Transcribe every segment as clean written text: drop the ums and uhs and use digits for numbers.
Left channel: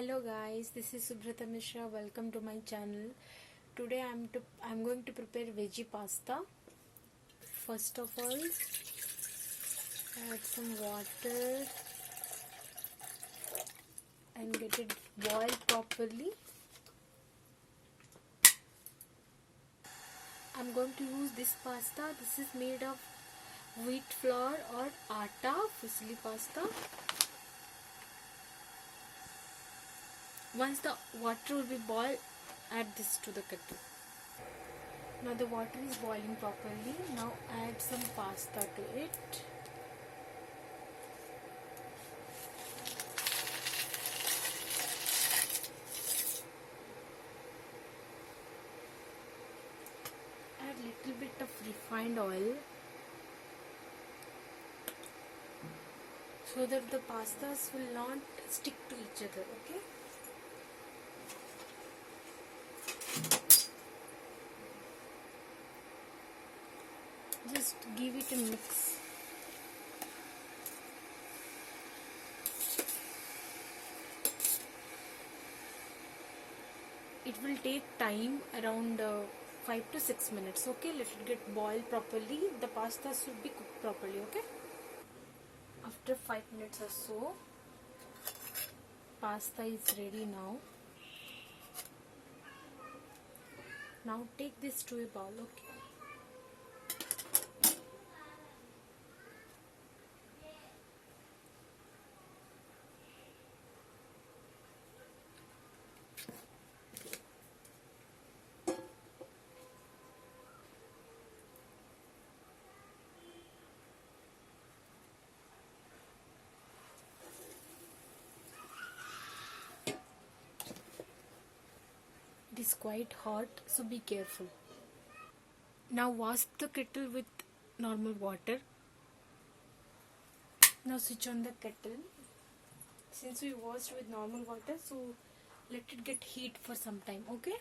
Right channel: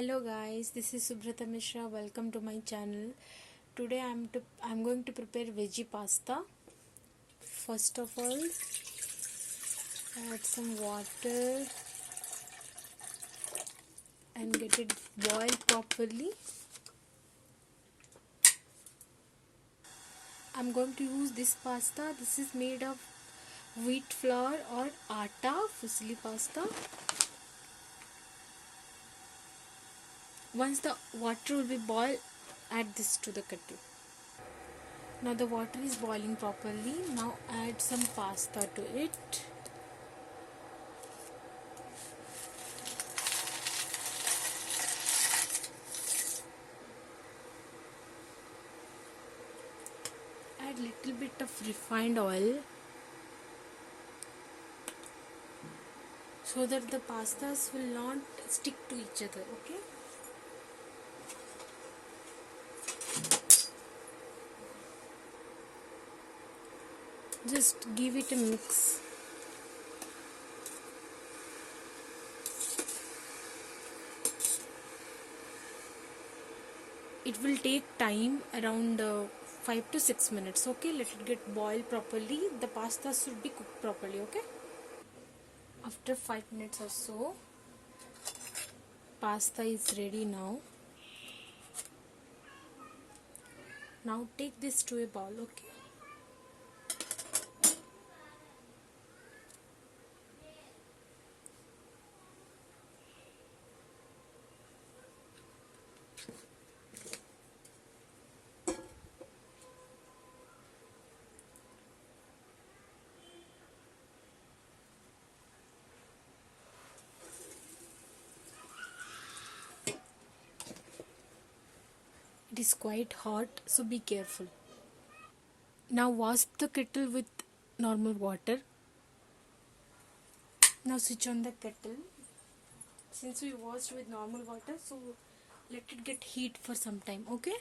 Hello guys, this is Subrata Mishra. Welcome to my channel. Today I'm going to prepare veggie pasta. First of all, add some water and get it boiled properly. I'm going to use this pasta. This is made of wheat flour or atta, fusilli pasta. Once the water will be boiled, add this to the kettle. Now the water is boiling properly. Now add some pasta to it. Add little bit of refined oil so that the pastas will not stick to each other, okay? Just give it a mix. It will take time around 5 to 6 minutes, okay? Let it get boiled properly. The pasta should be cooked properly, okay? After 5 minutes or so, pasta is ready now. Now take this to a bowl, okay? It is quite hot, so be careful. Now wash the kettle with normal water. Now switch on the kettle. Since we washed with normal water, so let it get heat for some time, okay?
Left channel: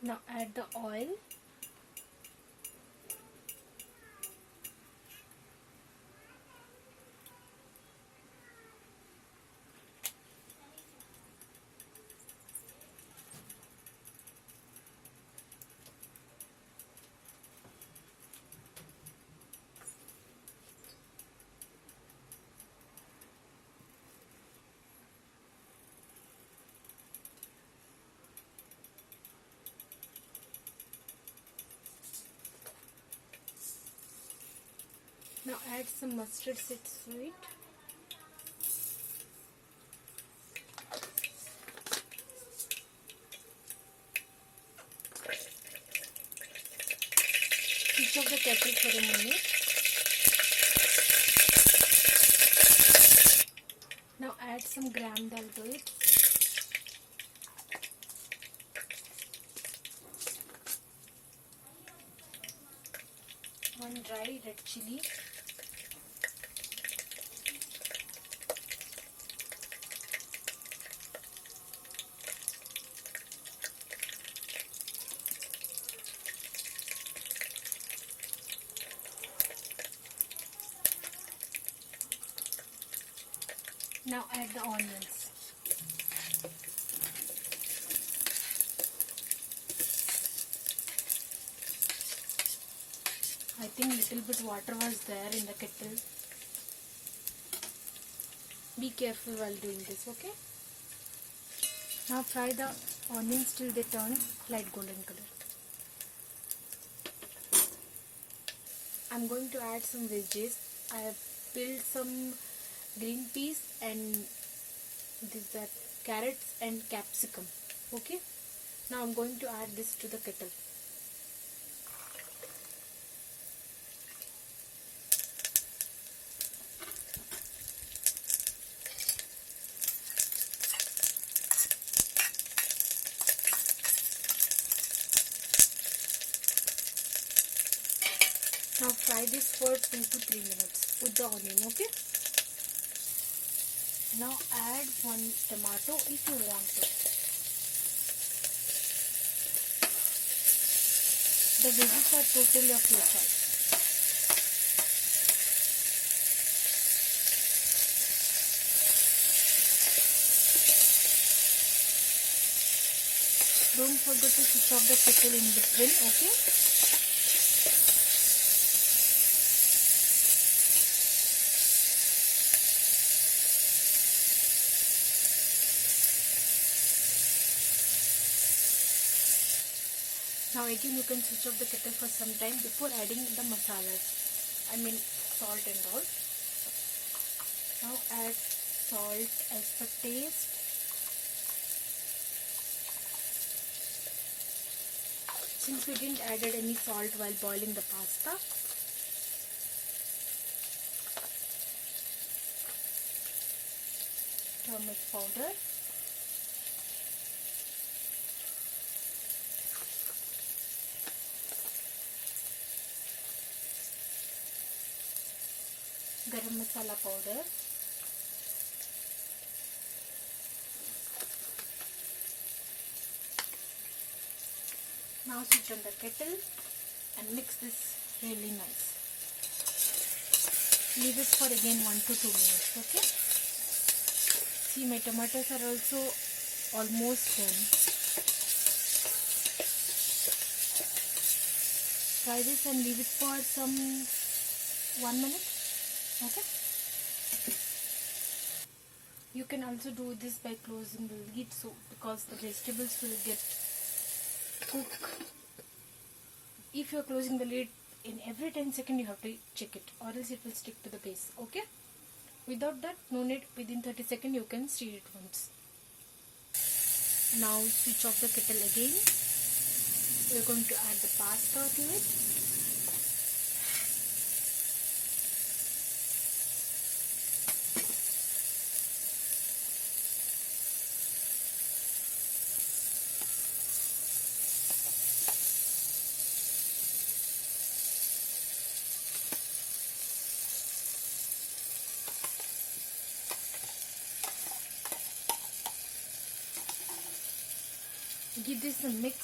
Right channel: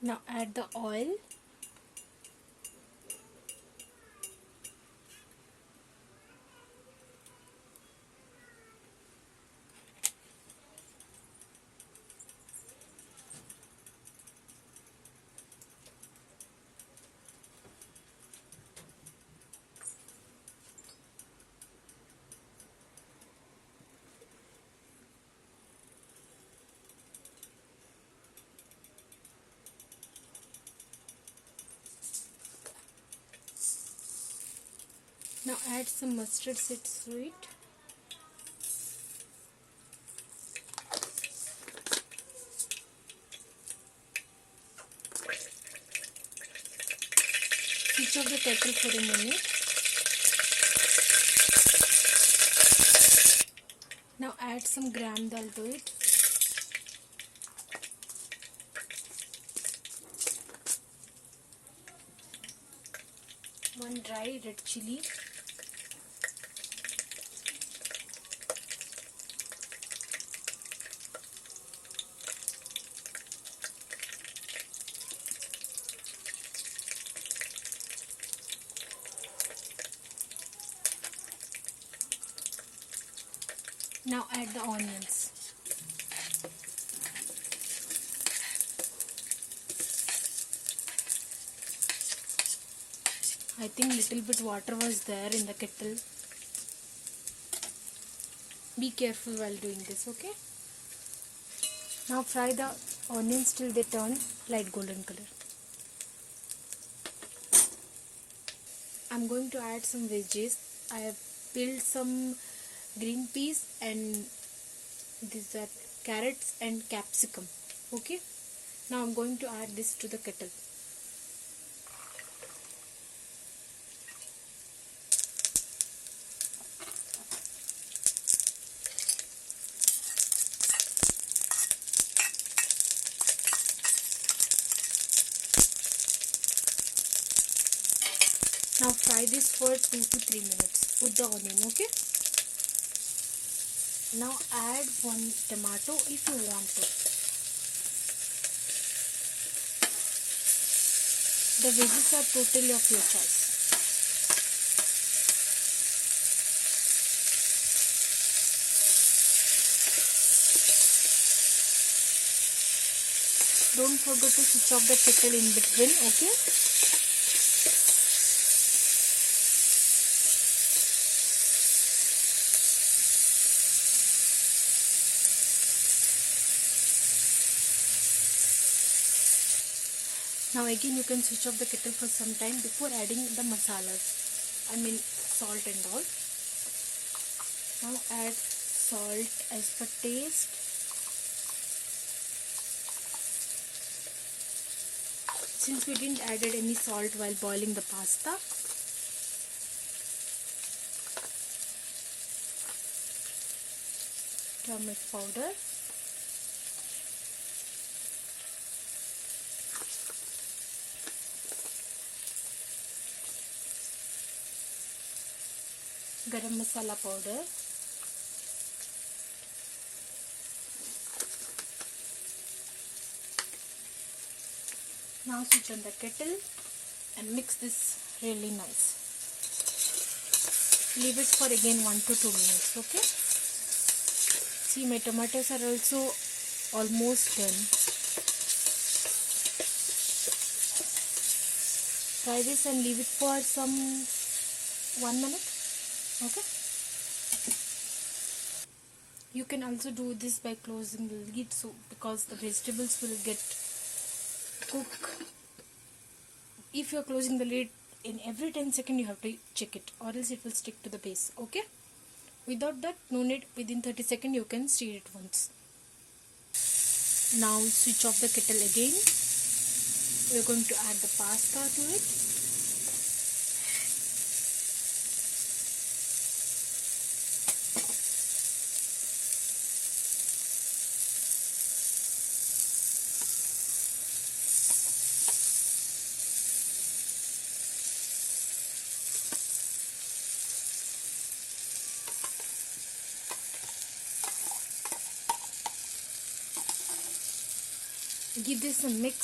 Now add the oil. Now add some mustard seeds to it. Switch off the kettle for a minute. Now add some gram dal to it. One dry red chili. Now add the onions. I think little bit water was there in the kettle. Be careful while doing this, okay? Now fry the onions till they turn light golden color. I'm going to add some veggies. I have peeled some green peas and these are carrots and capsicum, okay? Now I'm going to add this to the kettle. Now fry this for 2 to 3 minutes with the onion, okay? Now add 1 tomato if you want to. The veggies are totally of your choice. Don't forget to switch off the kettle in between, okay? Now again you can switch off the kettle for some time before adding the masalas. I mean salt and all. Now add salt as per taste. Since we didn't added any salt while boiling the pasta, turmeric powder, garam masala powder, now switch on the kettle and mix this really nice. Leave it for again 1 to 2 minutes, okay? See, my tomatoes are also almost done. Try this and leave it for some 1 minute, okay? You can also do this by closing the lid, so because the vegetables will get cooked. If you are closing the lid, in every 10 seconds you have to check it, or else it will stick to the base, okay? Without that, no need. Within 30 seconds you can stir it once. Now switch off the kettle again. We are going to add the pasta to it. Give this a mix.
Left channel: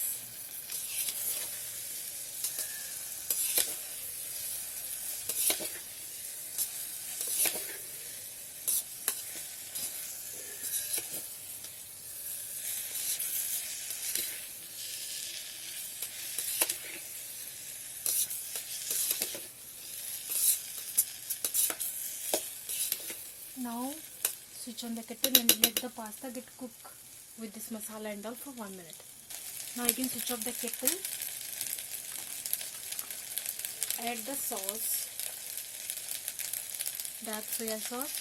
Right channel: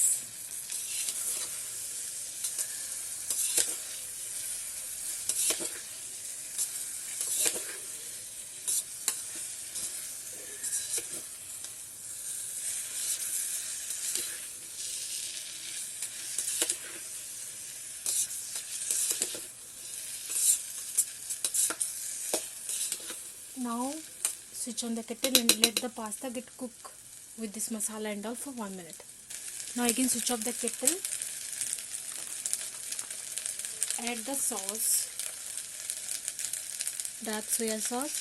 Now switch on the kettle and let the pasta get cooked with this masala and all for 1 minute. Now again switch off the kettle. Add the sauce, dark soya sauce,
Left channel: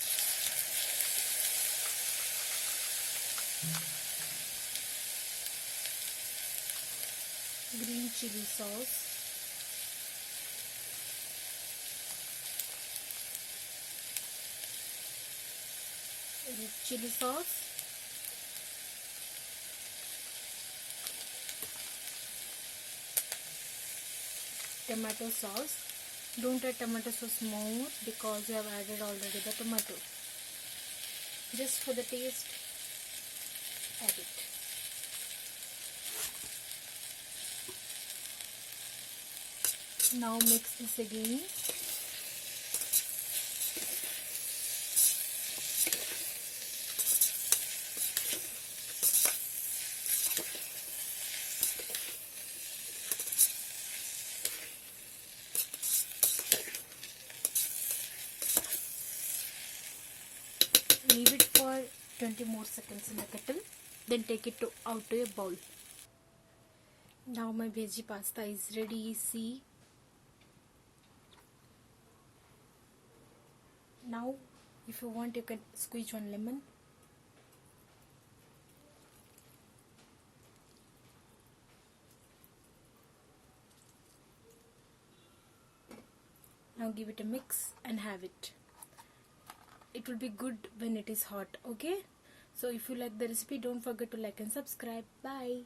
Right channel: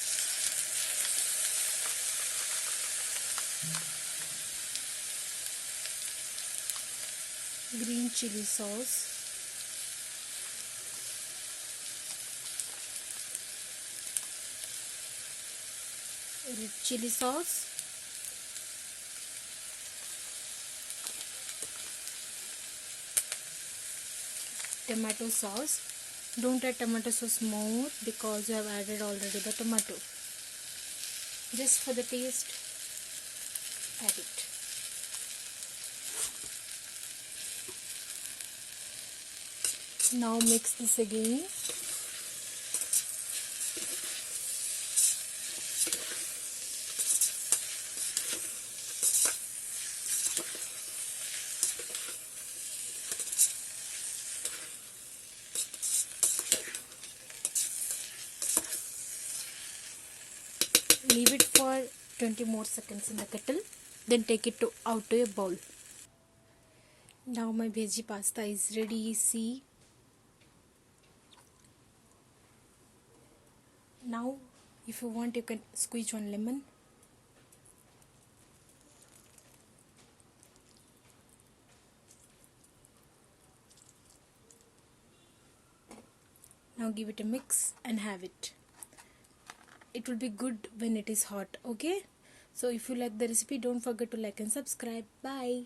green chili sauce, red chili sauce, tomato sauce. Don't add tomato sauce more because you have added already the tomato. Just for the taste, add it. Now mix this again. Leave it for 20 more seconds in the kettle, then take it out to a bowl. Now my veggie pasta is ready. See, now if you want you can squeeze one lemon. Now give it a mix and have it. It will be good when it is hot, okay? So if you like the recipe, don't forget to like and subscribe. Bye.